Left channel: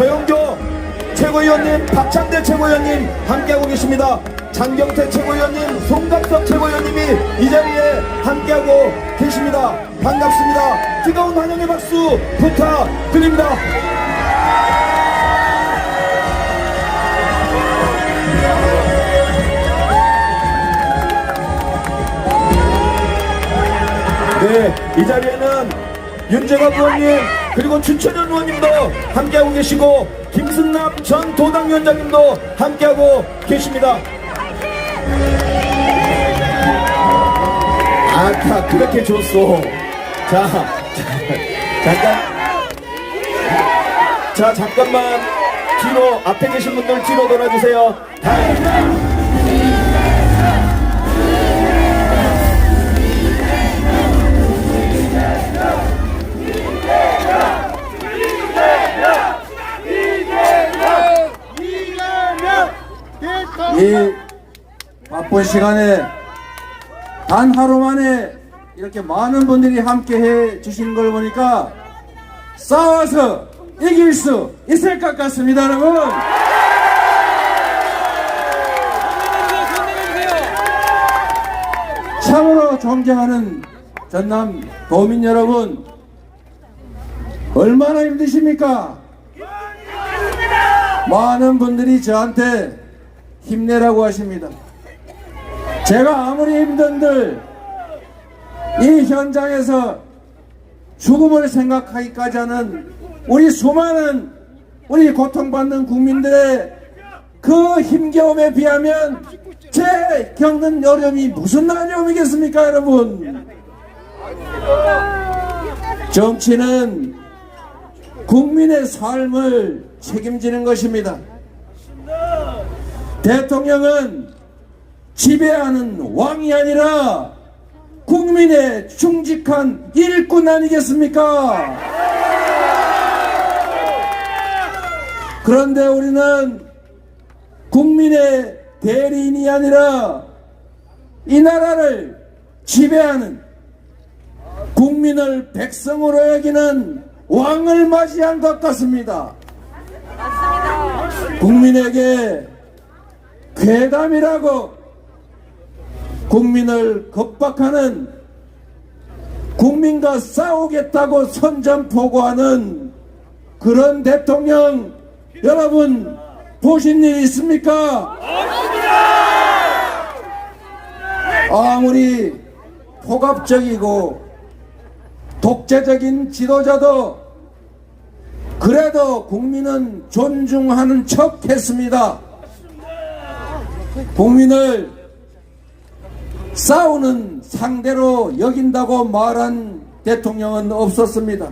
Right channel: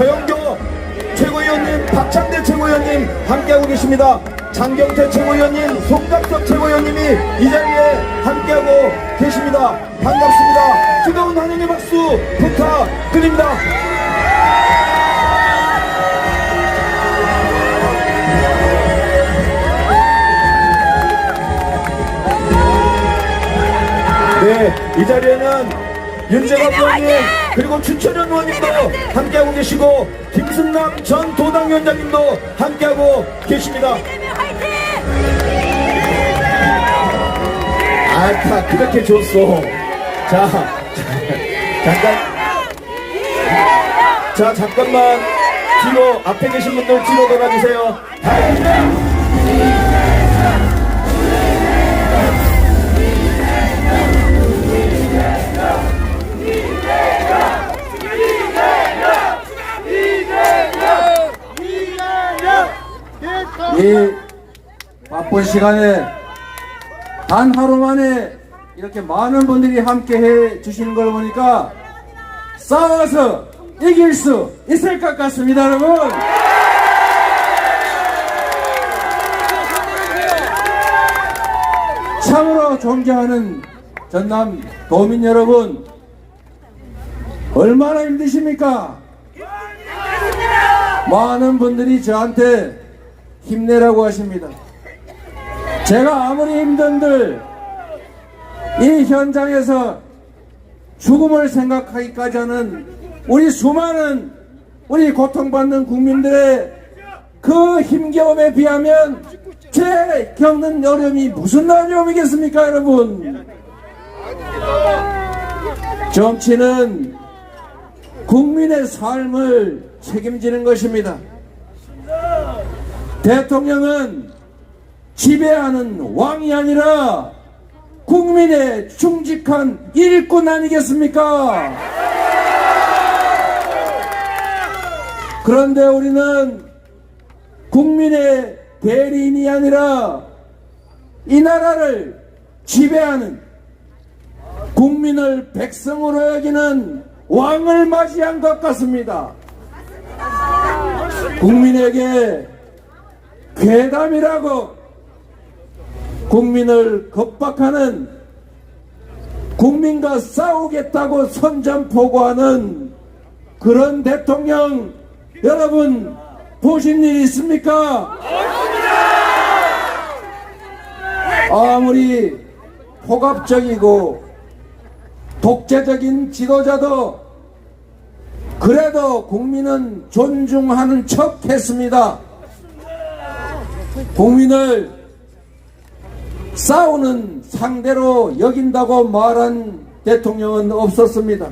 서영교 최고위원님, 박창대 최고위원님 함께하고 계십니다. 장경태 최고위원님, 송강섭 최고위원님이 이 자리에 함께하고 계십니다. 반갑습니다. 뜨거운 환영의 박수 부탁드립니다. 네, 이 자리에는 윤재관 의원님 그리고 춘천현 의원님도 함께하고 계시고 김승남 전 도당위원장님도 함께하고 계십니다. 다 그렇게 줬어. 잠깐만 뒤로 앞에 계신 분들 뒤로 돌아주세요. 이 바쁜 시간에 단 하루 만에 이렇게 많은 분들이 함께 해 주시는 걸 보니까 싸워서 이길 수 있을 것 같습니다, 여러분. 참으로 존경하는 전남 도민 여러분, 얼마나 힘드십니까? 많은 분들이 저한테 힘내라고 하십니다. 제가 아무리 힘든들 이 현장에서 죽음을 생각하기까지 하는 우리 수많은 우리 고통받는 국민들의 그 힘겨움에 비하면 제 겪는 어려움이 무슨 어려움이겠습니까, 여러분? 정치는 국민의 삶을 책임지는 것입니다. 대통령은 지배하는 왕이 아니라 국민의 충직한 일꾼 아니겠습니까? 그런데 우리는 국민의 대리인이 아니라 이 나라를 지배하는 국민을 백성으로 여기는 왕을 맞이한 것 같습니다. 국민에게 괴담이라고 국민을 겁박하는, 국민과 싸우겠다고 선전포고하는 그런 대통령 여러분 보신 일 있습니까? 아무리 폭압적이고 독재적인 지도자도 그래도 국민은 존중하는 척 했습니다. 국민을 싸우는 상대로 여긴다고 말한 대통령은 없었습니다.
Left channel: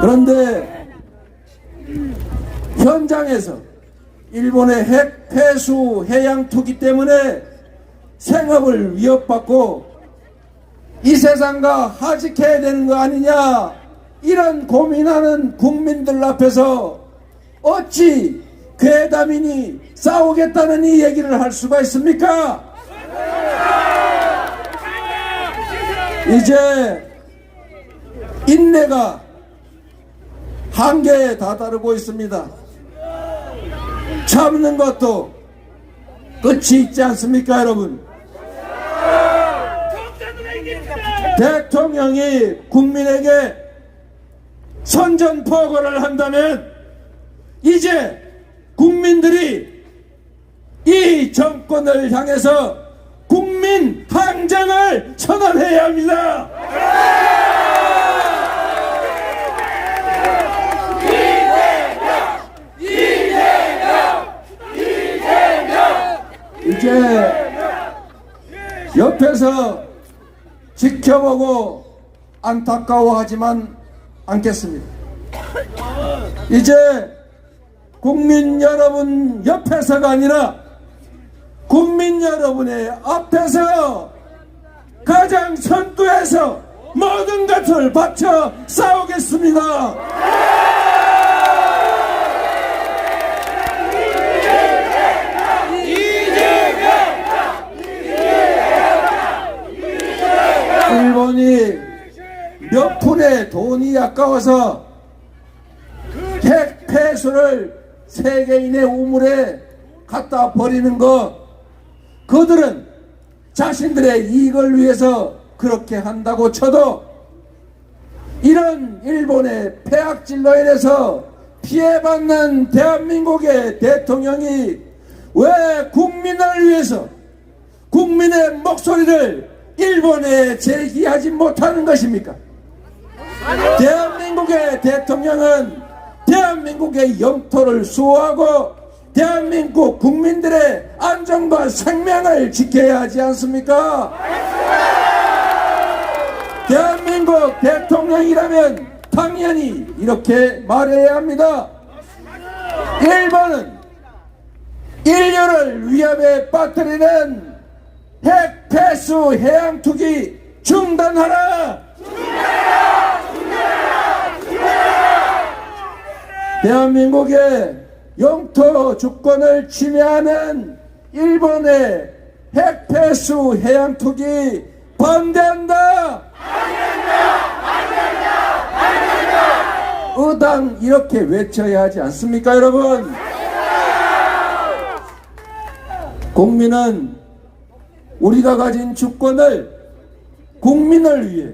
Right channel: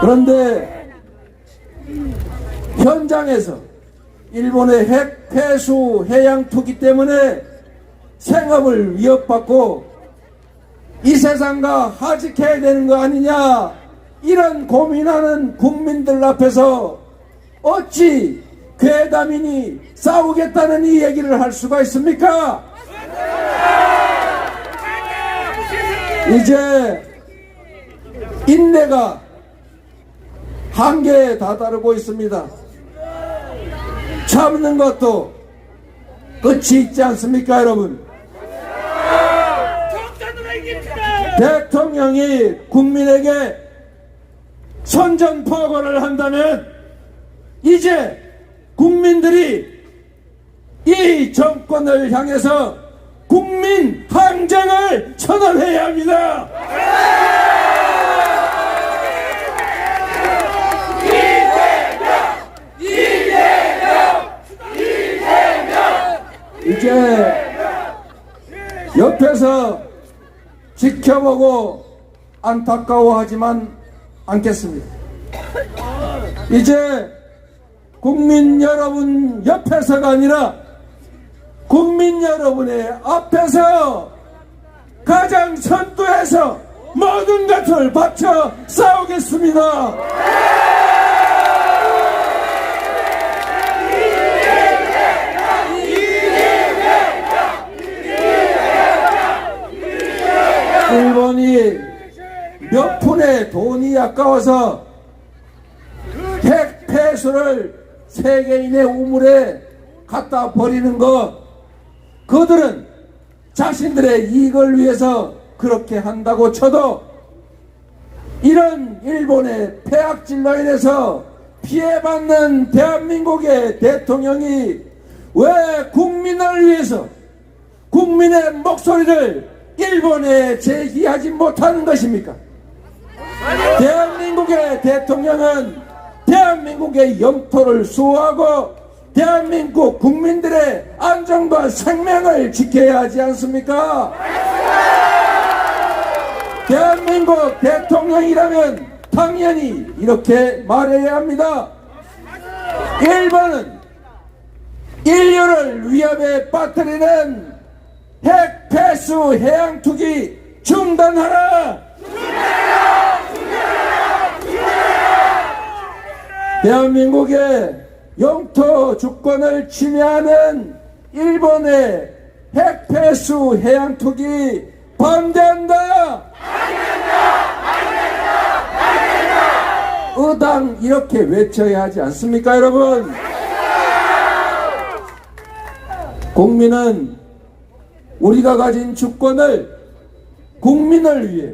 그런데 현장에서 일본의 핵 폐수 해양 투기 때문에 생업을 위협받고 이 세상과 하직해야 되는 거 아니냐, 이런 고민하는 국민들 앞에서 어찌 괴담이니 싸우겠다는 이 얘기를 할 수가 있습니까? 이제 인내가 한계에 다다르고 있습니다. 참는 것도 끝이 있지 않습니까, 여러분? 대통령이 국민에게 선전포고를 한다면 이제 국민들이 이 정권을 향해서 국민 항쟁을 선언해야 합니다. 이제 옆에서 지켜보고 안타까워하지만 않겠습니다. 이제 국민 여러분 옆에서가 아니라 국민 여러분의 앞에서 가장 선두에서 모든 것을 바쳐 싸우겠습니다. 일본이 몇 푼의 돈이 아까워서 핵폐수를 세계인의 우물에 갖다 버리는 것, 그들은 자신들의 이익을 위해서 그렇게 한다고 쳐도 이런 일본의 폐악질로 인해서 피해받는 대한민국의 대통령이 왜 국민을 위해서 국민의 목소리를 일본에 제기하지 못하는 것입니까? 대한민국의 대통령은 대한민국의 영토를 수호하고 대한민국 국민들의 안전과 생명을 지켜야 하지 않습니까? 대한민국 대통령이라면 당연히 이렇게 말해야 합니다. 일본은 인류를 위협에 빠뜨리는 핵폐수 해양투기 중단하라! 대한민국의 영토 주권을 침해하는 일본의 핵폐수 해양투기 반대한다! 의당 이렇게 외쳐야 하지 않습니까, 여러분? 국민은 우리가 가진 주권을 국민을 위해,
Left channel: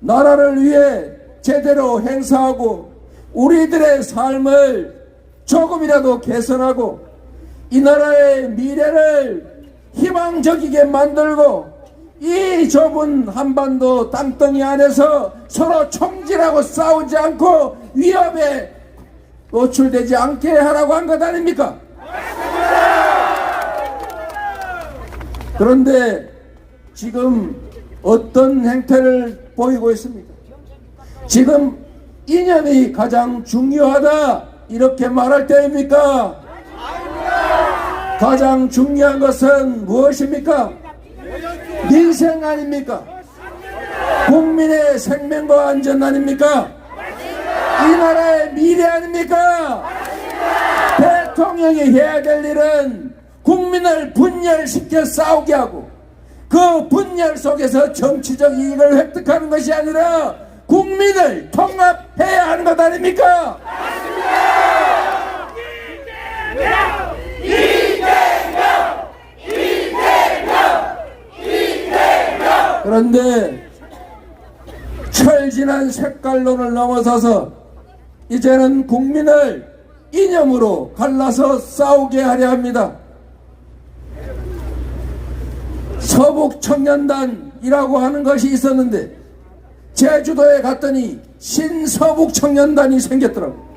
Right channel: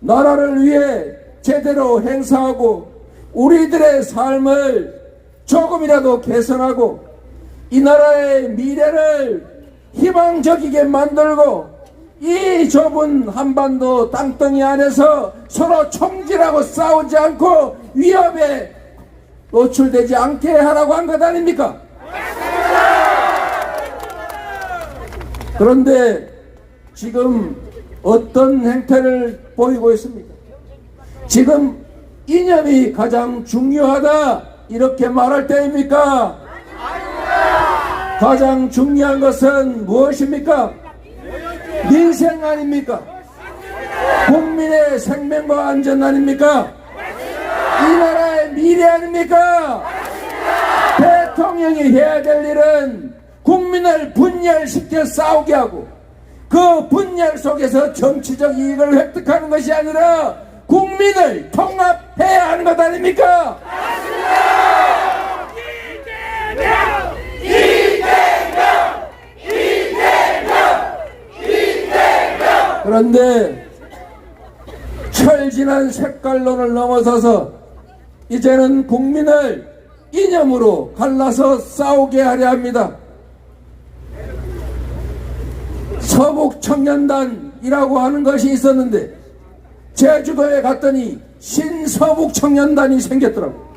나라를 위해 제대로 행사하고 우리들의 삶을 조금이라도 개선하고 이 나라의 미래를 희망적이게 만들고 이 좁은 한반도 땅덩이 안에서 서로 총질하고 싸우지 않고 위협에 노출되지 않게 하라고 한 것 아닙니까? 그런데 지금 어떤 행태를 보이고 있습니까? 지금 이념이 가장 중요하다 이렇게 말할 때입니까? 가장 중요한 것은 무엇입니까? 민생 아닙니까? 국민의 생명과 안전 아닙니까? 이 나라의 미래 아닙니까? 대통령이 해야 될 일은 국민을 분열시켜 싸우게 하고 그 분열 속에서 정치적 이익을 획득하는 것이 아니라 국민을 통합해야 하는 것 아닙니까? 그런데 철진한 색깔론을 넘어서서 이제는 국민을 이념으로 갈라서 싸우게 하려 합니다. 서북청년단이라고 하는 것이 있었는데 제주도에 갔더니 신서북청년단이 생겼더라고요.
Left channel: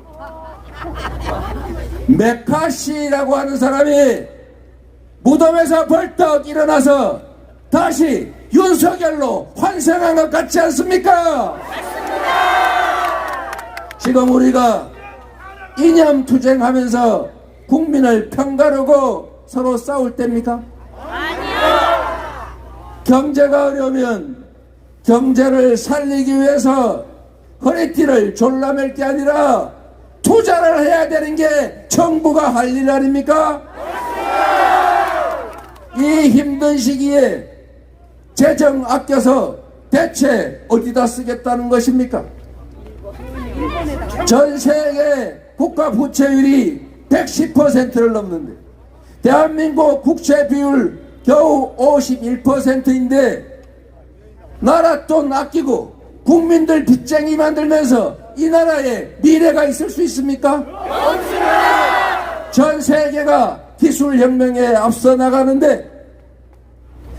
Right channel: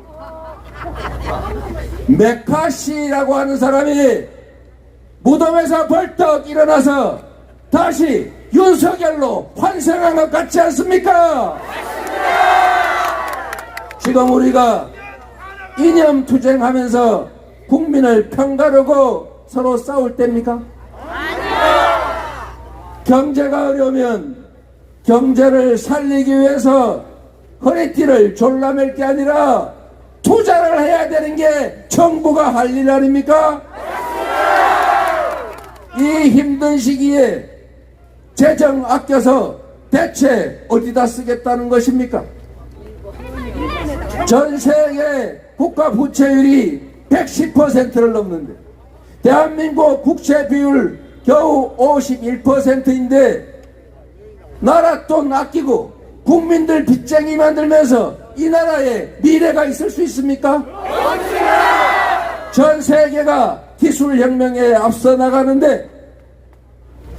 메카시라고 하는 사람이 무덤에서 벌떡 일어나서 다시 윤석열로 환생한 것 같지 않습니까? 지금 우리가 이념 투쟁하면서 국민을 편가르고 서로 싸울 때입니까? 경제가 어려우면 경제를 살리기 위해서 허리띠를 졸라맬 게 아니라 투자를 해야 되는 게 정부가 할 일 아닙니까? 이 힘든 시기에 재정 아껴서 대체 어디다 쓰겠다는 것입니까? 전 세계 국가 부채율이 110%를 넘는데 대한민국 국채 비율 겨우 51%인데 나라 돈 아끼고 국민들 빚쟁이 만들면서 이 나라에 미래가 있을 수 있습니까? 전 세계가 기술혁명에 앞서 나가는데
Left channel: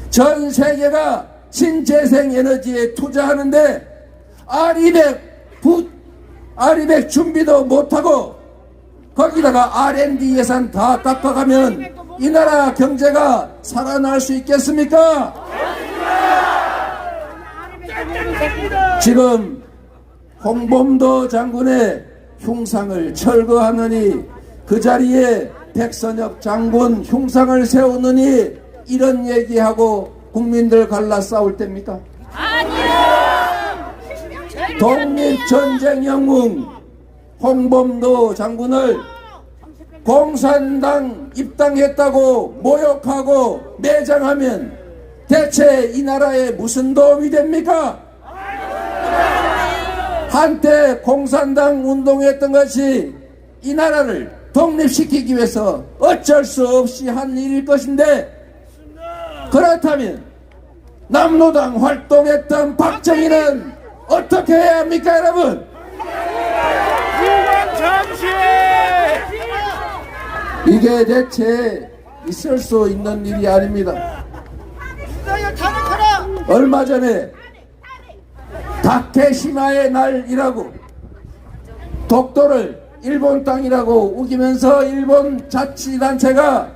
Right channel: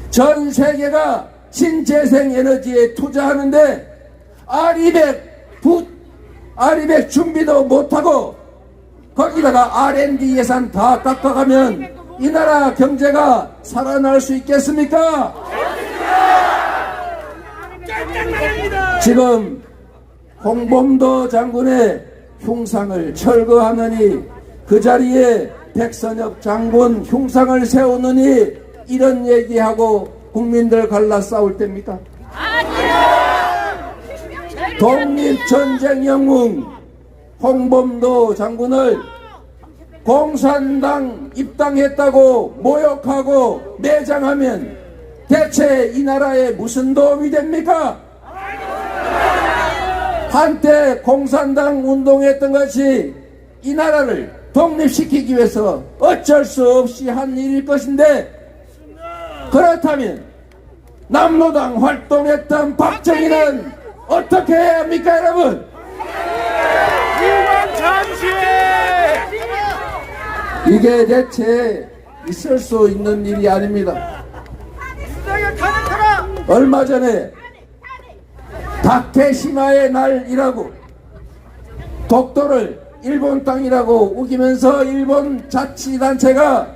전 세계가 신재생 에너지에 투자하는데 R200 준비도 못하고 거기다가 R&D 예산 다 깎아가면 이 나라 경제가 살아날 수 있겠습니까? 지금 홍범도 장군의 흉상을 철거하느니 그 자리에 백선엽 장군 흉상을 세우느니 이런 얘기하고 국민들 갈라 싸울 때입니까? 독립전쟁 영웅 홍범도 장군을 공산당 입당했다고 모욕하고 매장하면 대체 이 나라에 무슨 도움이 됩니까? 한때 공산당 운동했던 것이 이 나라를 독립시키기 위해서 어쩔 수 없이 한 일일 것인데, 그렇다면 남로당 활동했던 박정희는 어떻게 해야 합니까, 여러분? 유관 잠시! 이게 대체 있을 수 있는 일이 아닙니다. 얼마 전에 다케시마의 날이라고 독도를 일본 땅이라고 우기면서 일본 자치단체가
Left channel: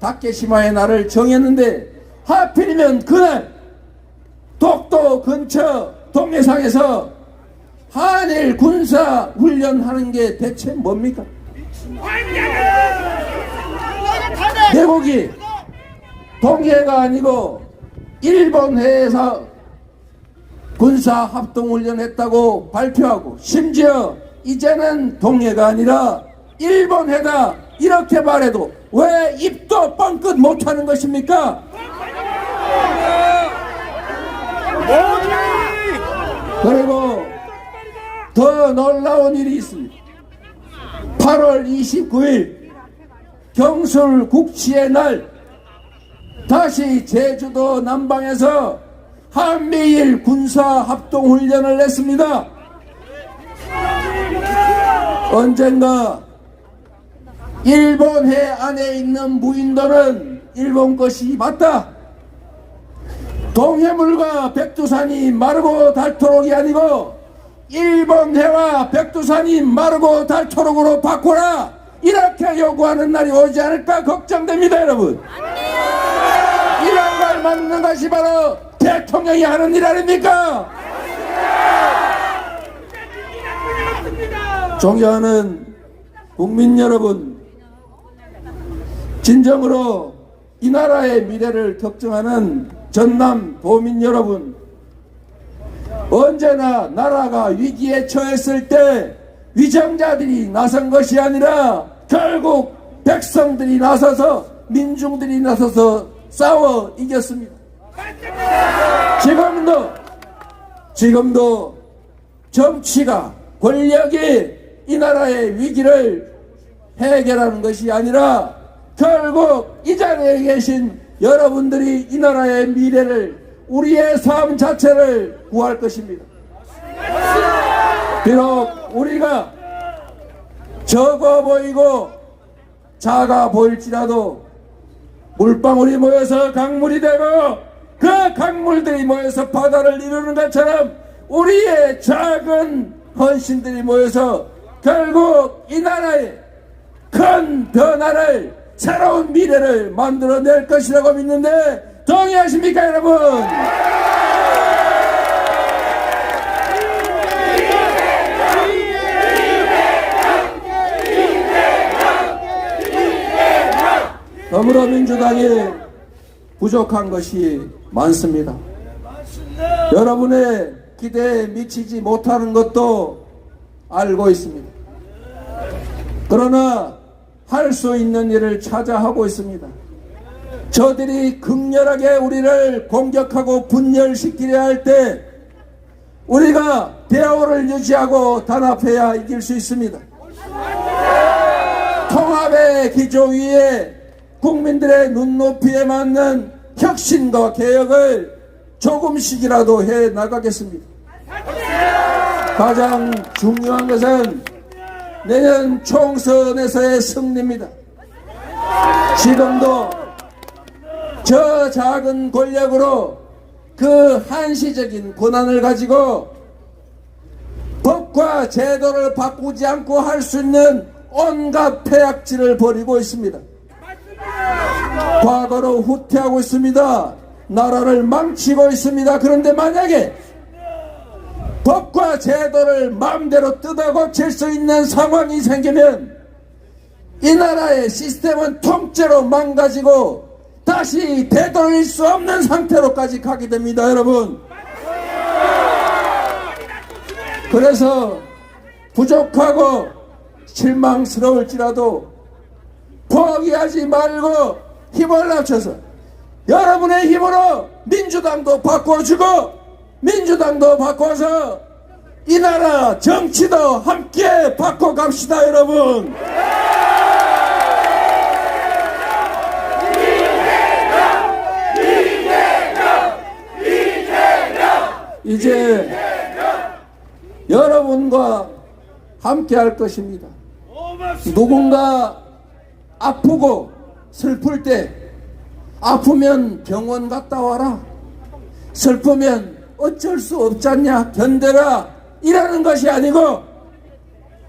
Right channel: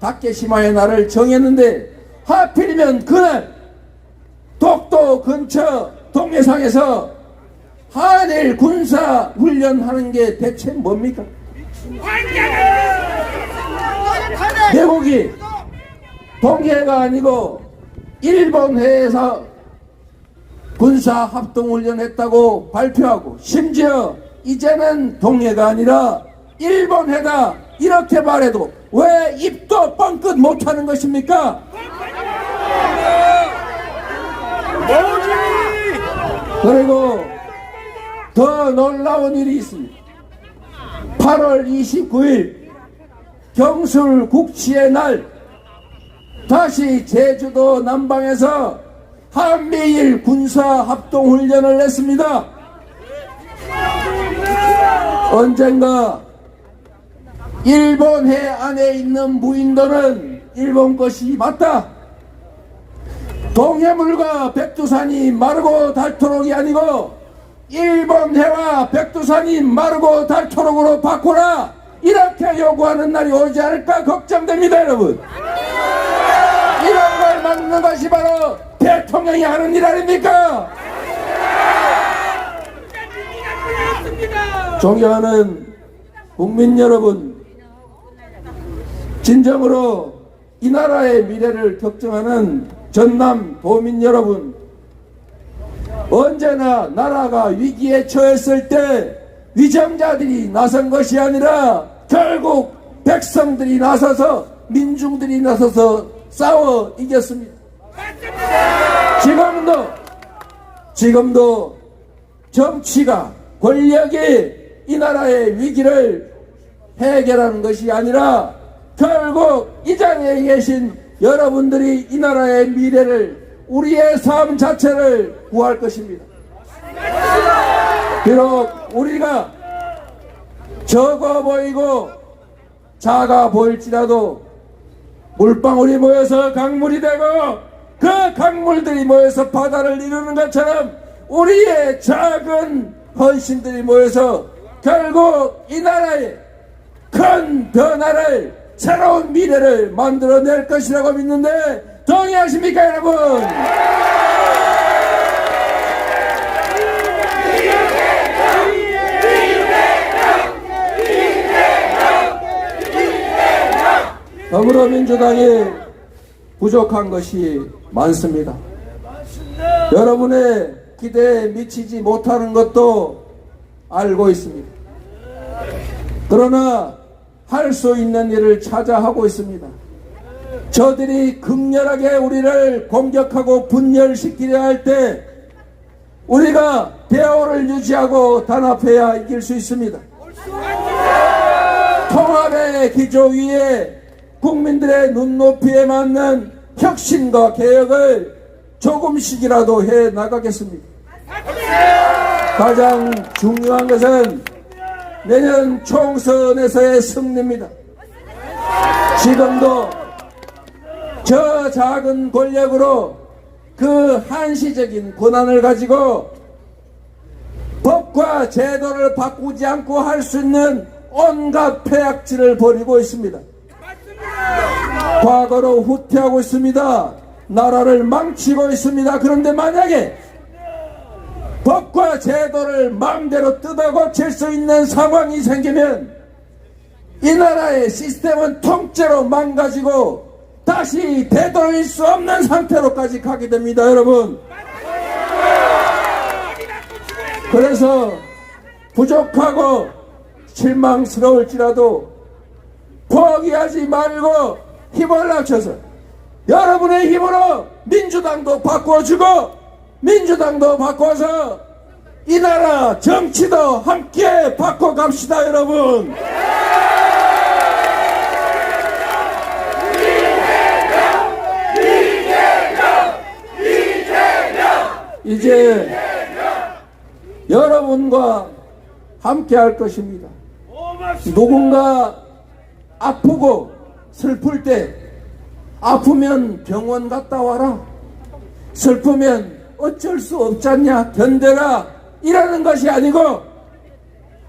다케시마의 날을 정했는데, 하필이면 그날 독도 근처 동해상에서 한일 군사 훈련하는 게 대체 뭡니까? 대국이 동해가 아니고 일본해에서 군사 합동훈련했다고 발표하고, 심지어 이제는 동해가 아니라 일본해다 이렇게 말해도 왜 입도 뻥끗 못하는 것입니까? 뭐지? 그리고 더 놀라운 일이 있습니다. 8월 29일 경술 국치의 날, 다시 제주도 남방에서 한미일 군사 합동훈련을 했습니다. 언젠가 일본 해 안에 있는 무인도는 일본 것이 맞다. 동해물과 백두산이 마르고 닳도록이 아니고 일본 해와 백두산이 마르고 닳도록으로 바꾸라, 이렇게 요구하는 날이 오지 않을까 걱정됩니다, 여러분. 이런 걸 막는 것이 바로 대통령이 하는 일 아닙니까? 존경하는 국민 여러분, 진정으로 이 나라의 미래를 걱정하는 전남 도민 여러분, 언제나 나라가 위기에 처했을 때 위정자들이 나선 것이 아니라 결국 백성들이 나서서, 민중들이 나서서 싸워 이겼습니다. 지금도 정치가, 권력이 이 나라의 위기를 해결하는 것이 아니라 결국 이 자리에 계신 여러분들이 이 나라의 미래를, 우리의 삶 자체를 구할 것입니다. 비록 우리가 적어 보이고 작아 보일지라도 물방울이 모여서 강물이 되고 그 강물들이 모여서 바다를 이루는 것처럼 우리의 작은 헌신들이 모여서 결국 이 나라의 큰 변화를, 새로운 미래를 만들어낼 것이라고 믿는데 동의하십니까, 여러분? 더불어민주당이 부족한 것이 많습니다. 여러분의 기대에 미치지 못하는 것도 알고 있습니다. 그러나 할 수 있는 일을 찾아 하고 있습니다. 저들이 극렬하게 우리를 공격하고 분열시키려 할 때 우리가 대화를 유지하고 단합해야 이길 수 있습니다. 통합의 기조 위에 국민들의 눈높이에 맞는 혁신과 개혁을 조금씩이라도 해 나가겠습니다. 가장 중요한 것은 내년 총선에서의 승리입니다. 지금도 저 작은 권력으로 그 한시적인 권한을 가지고 법과 제도를 바꾸지 않고 할 수 있는 온갖 폐악질을 벌이고 있습니다. 과거로 후퇴하고 있습니다. 나라를 망치고 있습니다. 그런데 만약에 법과 제도를 마음대로 뜯어고칠 수 있는 상황이 생기면 이 나라의 시스템은 통째로 망가지고 다시 되돌릴 수 없는 상태로까지 가게 됩니다, 여러분. 그래서 부족하고 실망스러울지라도 포기하지 말고 힘을 합쳐서 여러분의 힘으로 민주당도 바꿔주고 민주당도 바꿔서 이 나라 정치도 함께 바꿔갑시다, 여러분. 이제 여러분과 함께 할 것입니다. 누군가 아프고 슬플 때 아프면 병원 갔다 와라. 슬프면 어쩔 수 없잖냐 견뎌라 이라는 것이 아니고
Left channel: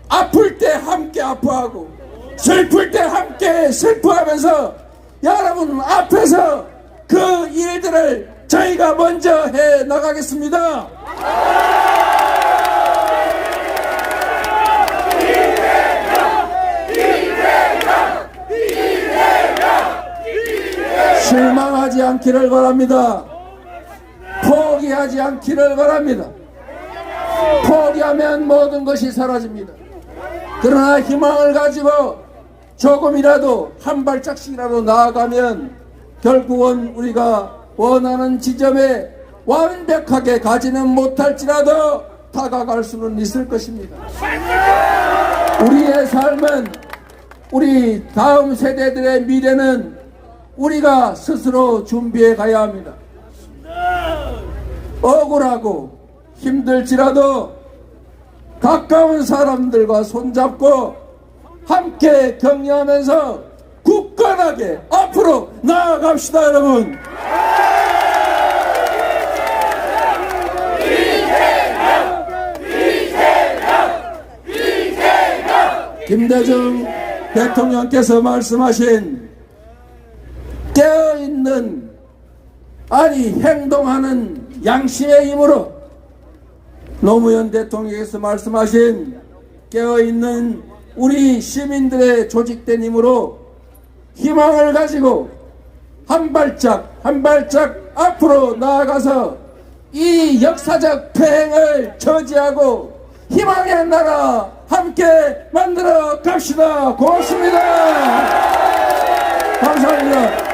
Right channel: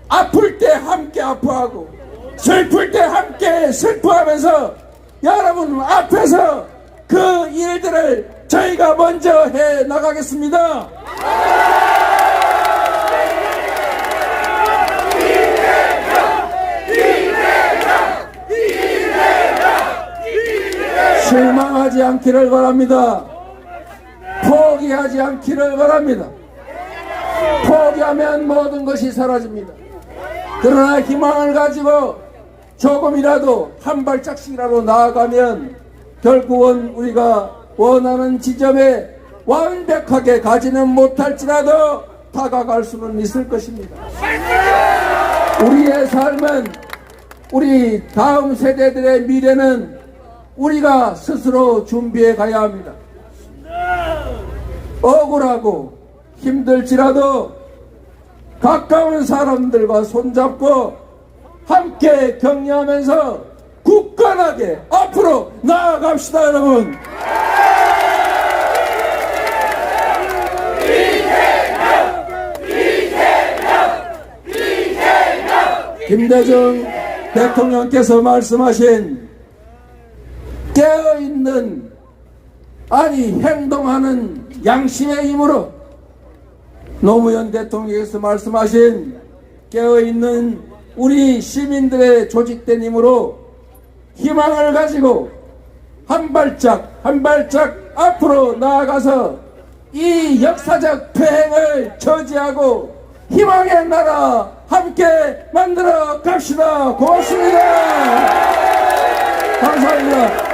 아플 때 함께 아파하고 슬플 때 함께 슬퍼하면서 여러분 앞에서 그 일들을 저희가 먼저 해 나가겠습니다. 실망하지 않기를 바랍니다. 포기하지 않기를 바랍니다. 포기하면 모든 것이 사라집니다. 그러나 희망을 가지고 조금이라도 한 발짝씩이라도 나아가면 결국은 우리가 원하는 지점에 완벽하게 가지는 못할지라도 다가갈 수는 있을 것입니다. 우리의 삶은 우리 다음 세대들의 미래는 우리가 스스로 준비해 가야 합니다. 억울하고 힘들지라도 가까운 사람들과 손잡고 함께 격려하면서 굳건하게 앞으로 나아갑시다, 여러분. 김대중 대통령께서 말씀하신 깨어있는 아니 행동하는 양심의 힘으로 노무현 대통령께서 말씀하신 깨어있는 우리 시민들의 조직된 힘으로 희망을 가지고 한 발짝 한 발짝 앞으로 나아가서 이 역사적 폐행을 저지하고 희망의 나라 함께 만들어 갑시다. 고맙습니다. 감사합니다.